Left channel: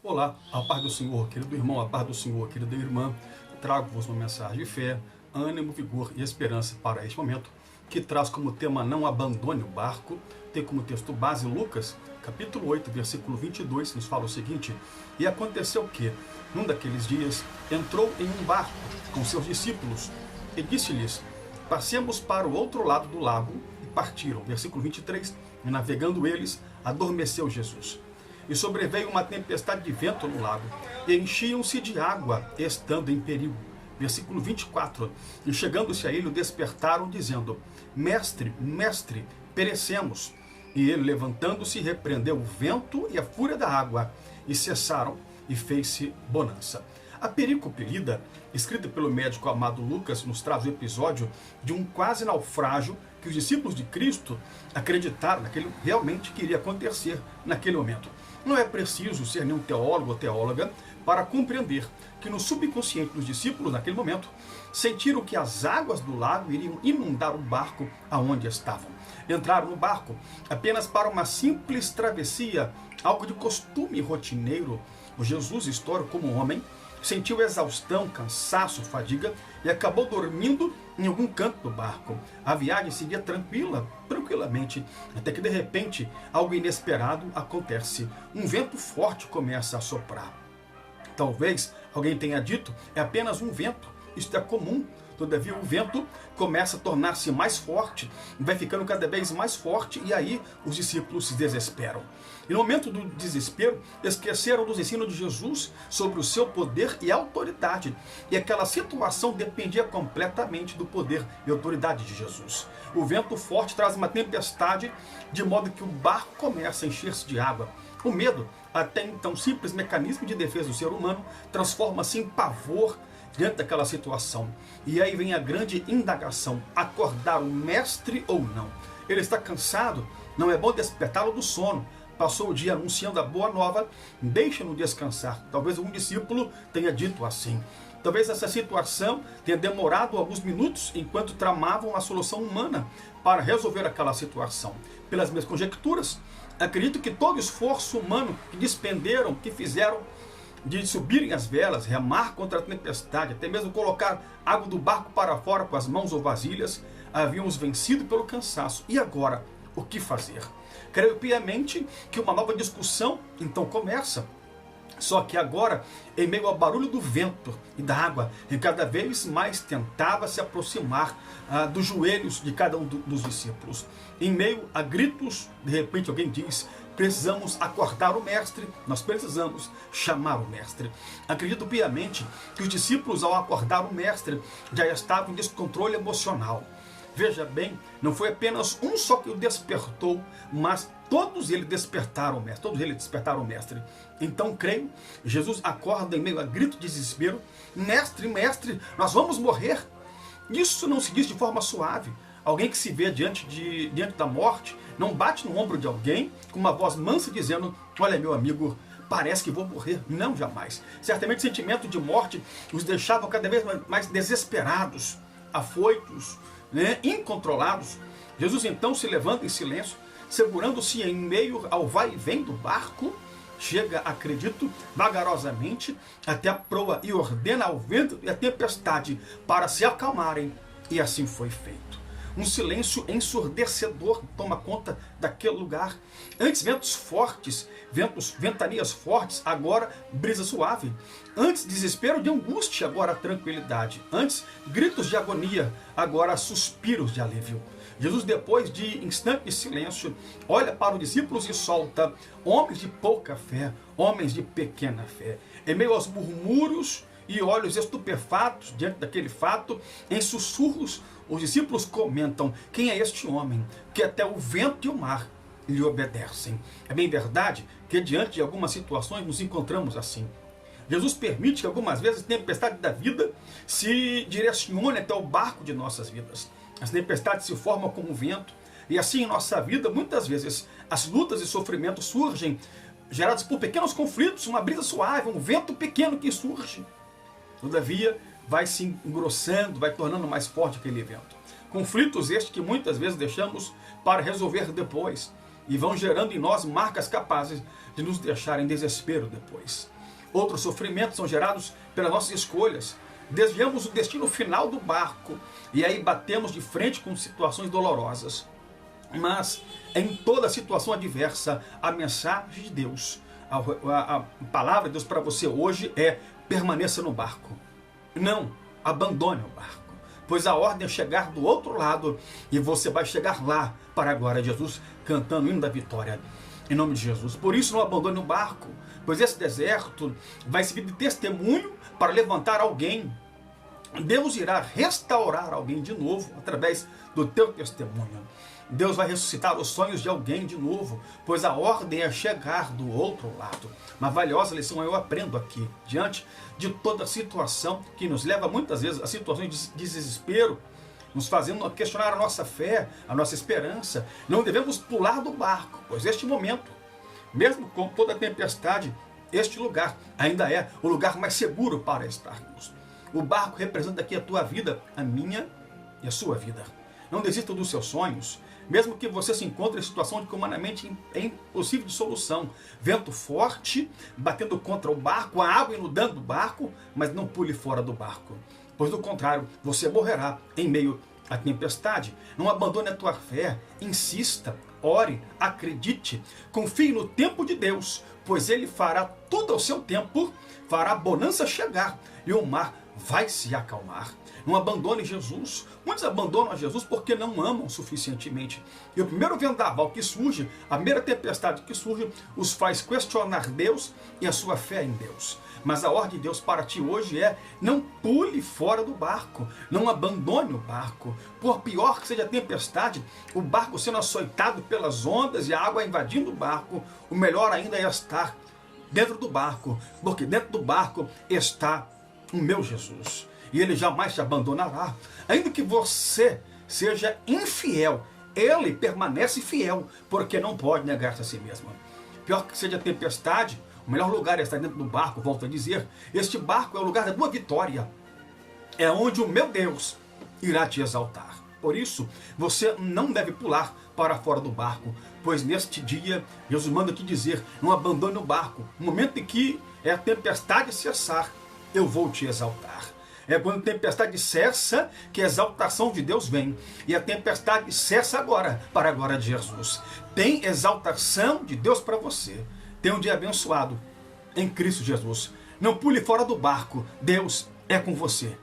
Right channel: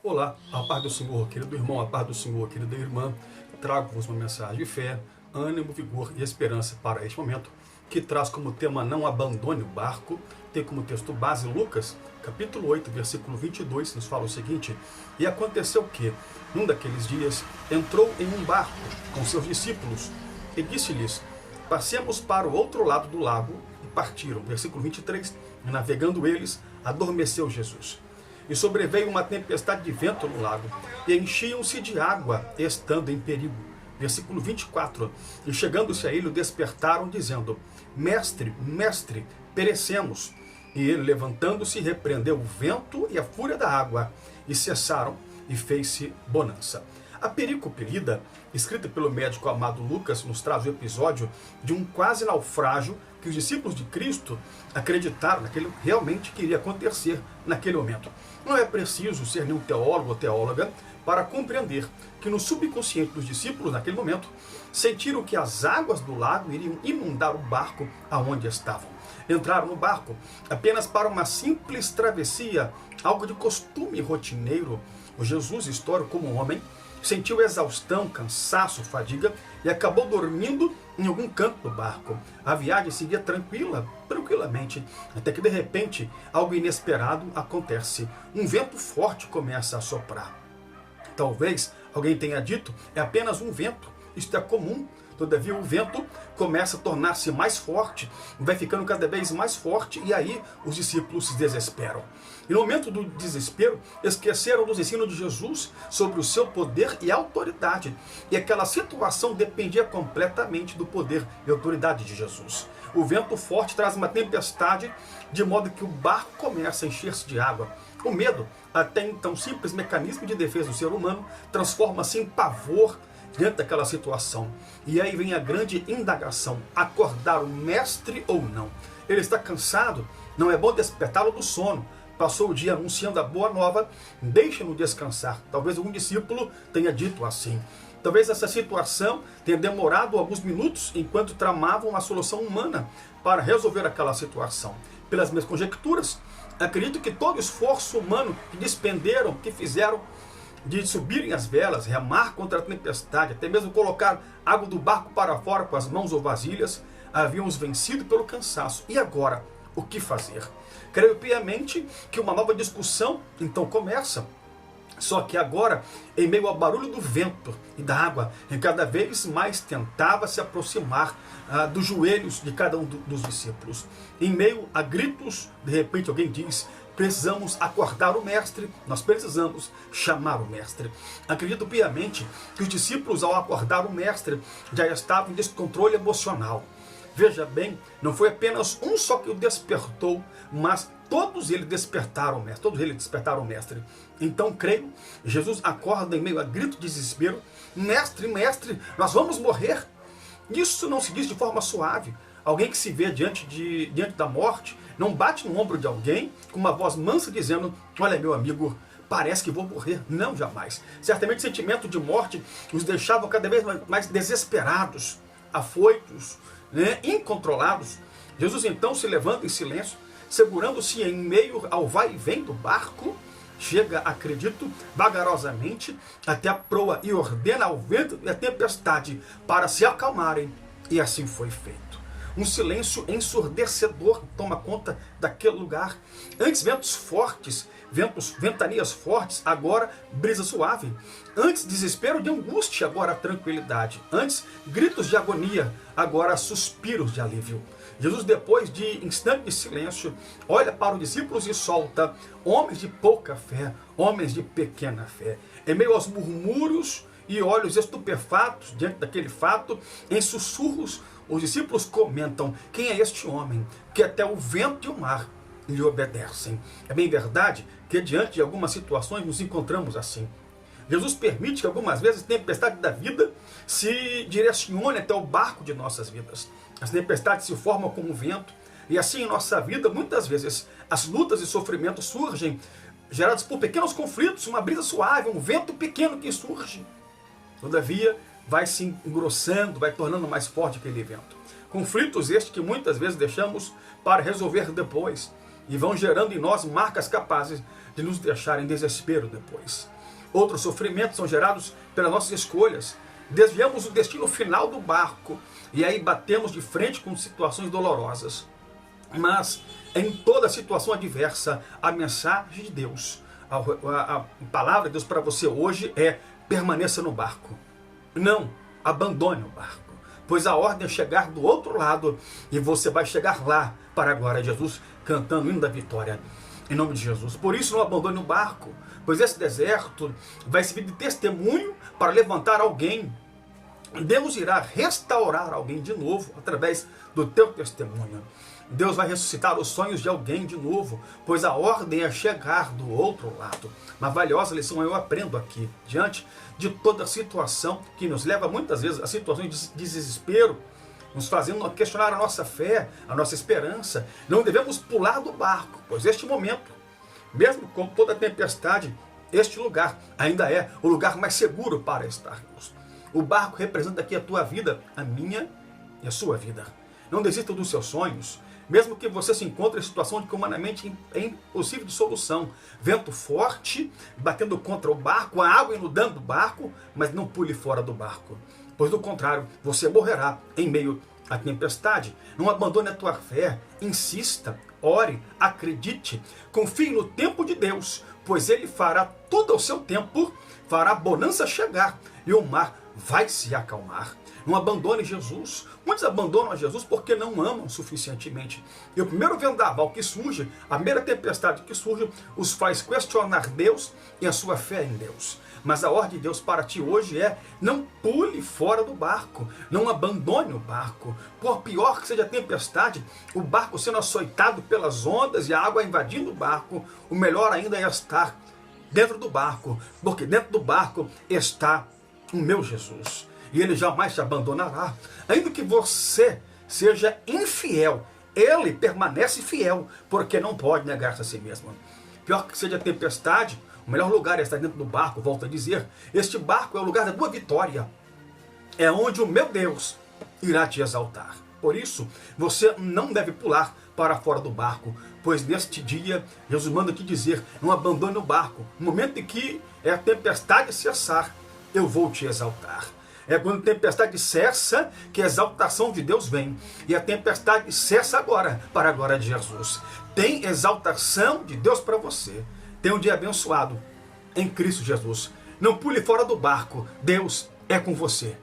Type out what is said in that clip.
Olá, a paz do Senhor, querido irmão, a paz do Senhor, querida irmã. Trago-vos uma mensagem de fé, ânimo, vigor e esperança para este momento, que traz como tema não abandone o barco. Tem como texto base Lucas, capítulo 8, versículo 22, nos fala o seguinte: E aconteceu que, num daqueles dias, entrou em um barco com seus discípulos e disse-lhes: Passemos para o outro lado do lago, e partiram. Versículo 23, e navegando eles, adormeceu Jesus. E sobreveio uma tempestade de vento no lago, e enchiam-se de água, estando em perigo. Versículo 24. E chegando-se a ele, o despertaram, dizendo: Mestre, mestre, perecemos. E ele, levantando-se, repreendeu o vento e a fúria da água, e cessaram, e fez-se bonança. A perícope lida, escrita pelo médico amado Lucas, nos traz o episódio de um quase naufrágio que os discípulos de Cristo acreditaram naquilo realmente que iria acontecer naquele momento. Não é preciso ser nenhum teólogo ou teóloga para compreender que no subconsciente dos discípulos, naquele momento, sentiram que as águas do lago iriam inundar o barco aonde estavam. Entraram no barco apenas para uma simples travessia, algo de costume rotineiro. O Jesus histórico, como homem, sentiu exaustão, cansaço, fadiga e acabou dormindo em algum canto do barco. A viagem seguia tranquilamente, até que de repente algo inesperado acontece. Um vento forte começa a soprar. Talvez alguém tenha dito, é apenas um vento, isto é comum. Todavia o vento começa a tornar-se mais forte, vai ficando cada vez mais forte, e aí os discípulos se desesperam. E no momento do desespero, esqueceram dos ensinos de Jesus sobre o seu poder e autoridade. E aquela situação dependia completamente do poder e autoridade de Jesus. O vento forte traz uma tempestade, de modo que o barco começa a encher-se de água. O medo, até então simples mecanismo de defesa do ser humano, transforma-se em pavor diante daquela situação. E aí vem a grande indagação: acordar o mestre ou não? Ele está cansado? Não é bom despertá-lo do sono. Passou o dia anunciando a boa nova, deixa-no descansar. Talvez algum discípulo tenha dito assim. Talvez essa situação tenha demorado alguns minutos enquanto tramavam uma solução humana para resolver aquela situação. Pelas minhas conjecturas, acredito que todo o esforço humano que despenderam, que fizeram de subirem as velas, remar contra a tempestade, até mesmo colocar água do barco para fora com as mãos ou vasilhas, haviam os vencido pelo cansaço. E agora, o que fazer? Creio piamente que uma nova discussão então começa. Só que agora, em meio ao barulho do vento e da água, e cada vez mais tentava se aproximar dos joelhos de cada um dos discípulos. Em meio a gritos, de repente alguém diz: precisamos acordar o mestre, nós precisamos chamar o mestre. Acredito piamente que os discípulos, ao acordar o mestre, já estavam em descontrole emocional. Veja bem, não foi apenas um só que o despertou, mas todos eles despertaram o mestre. Então creio, Jesus acorda em meio a grito de desespero: mestre, mestre, nós vamos morrer. Isso não se diz de forma suave. Alguém que se vê diante da morte não bate no ombro de alguém com uma voz mansa dizendo: olha, meu amigo, parece que vou morrer. Não, jamais. Certamente o sentimento de morte os deixava cada vez mais desesperados, afoitos, incontrolados. Jesus então se levanta em silêncio, segurando-se em meio ao vai e vem do barco, chega, acredito, vagarosamente até a proa e ordena ao vento e à tempestade para se acalmarem, e assim foi feito. Um silêncio ensurdecedor toma conta daquele lugar. Antes ventos fortes, ventanias fortes, agora brisa suave. Antes desespero de angústia, agora tranquilidade. Antes gritos de agonia, agora suspiros de alívio. Jesus, depois de instante de silêncio, olha para os discípulos e solta: homens de pouca fé, homens de pequena fé. Em meio aos murmúrios e olhos estupefatos diante daquele fato, em sussurros, os discípulos comentam: quem é este homem que até o vento e o mar lhe obedecem? É bem verdade que diante de algumas situações nos encontramos assim. Jesus permite que algumas vezes a tempestade da vida se direcione até o barco de nossas vidas. As tempestades se formam como vento, e assim em nossa vida, muitas vezes, as lutas e sofrimentos surgem gerados por pequenos conflitos, uma brisa suave, um vento pequeno que surge. Todavia, vai se engrossando, vai tornando mais forte aquele vento. Conflitos estes que muitas vezes deixamos para resolver depois, e vão gerando em nós marcas capazes de nos deixar em desespero depois. Outros sofrimentos são gerados pelas nossas escolhas. Desviamos o destino final do barco e aí batemos de frente com situações dolorosas. Mas em toda situação adversa, a mensagem de Deus, a palavra de Deus para você hoje é: permaneça no barco. Não abandone o barco, pois a ordem é chegar do outro lado e você vai chegar lá para a glória de Jesus, cantando o hino da vitória, em nome de Jesus. Por isso não abandone o barco, pois esse deserto vai servir de testemunho para levantar alguém. Deus irá restaurar alguém de novo através do teu testemunho. Deus vai ressuscitar os sonhos de alguém de novo, pois a ordem é chegar do outro lado. Uma valiosa lição eu aprendo aqui, diante de toda a situação que nos leva muitas vezes a situações de desespero, nos fazendo questionar a nossa fé, a nossa esperança. Não devemos pular do barco, pois este momento, mesmo com toda a tempestade, este lugar ainda é o lugar mais seguro para estarmos. O barco representa aqui a tua vida, a minha e a sua vida. Não desista dos seus sonhos, mesmo que você se encontre em situação de que humanamente é impossível de solução. Vento forte, batendo contra o barco, a água inundando o barco, mas não pule fora do barco, pois do contrário, você morrerá em meio à tempestade. Não abandone a tua fé, insista, ore, acredite, confie no tempo de Deus, pois Ele fará tudo ao seu tempo, fará a bonança chegar e o mar vai se acalmar. Não abandone Jesus. Muitos abandonam a Jesus porque não amam suficientemente. E o primeiro vendaval que surge, a primeira tempestade que surge, os faz questionar Deus e a sua fé em Deus. Mas a ordem de Deus para ti hoje é: não pule fora do barco, não abandone o barco. Por pior que seja a tempestade, o barco sendo açoitado pelas ondas e a água invadindo o barco, o melhor ainda é estar dentro do barco, porque dentro do barco está o meu Jesus. E Ele jamais te abandonará. Ainda que você seja infiel, Ele permanece fiel, porque não pode negar-se a si mesmo. Pior que seja a tempestade, o melhor lugar é estar dentro do barco, volto a dizer. Este barco é o lugar da tua vitória. É onde o meu Deus irá te exaltar. Por isso, você não deve pular para fora do barco, pois neste dia, Jesus manda te dizer: não abandone o barco. No momento em que a tempestade cessar, eu vou te exaltar. É quando a tempestade cessa que a exaltação de Deus vem. E a tempestade cessa agora, para a glória de Jesus. Tem exaltação de Deus para você. Tem um dia abençoado em Cristo Jesus. Não pule fora do barco. Deus é com você.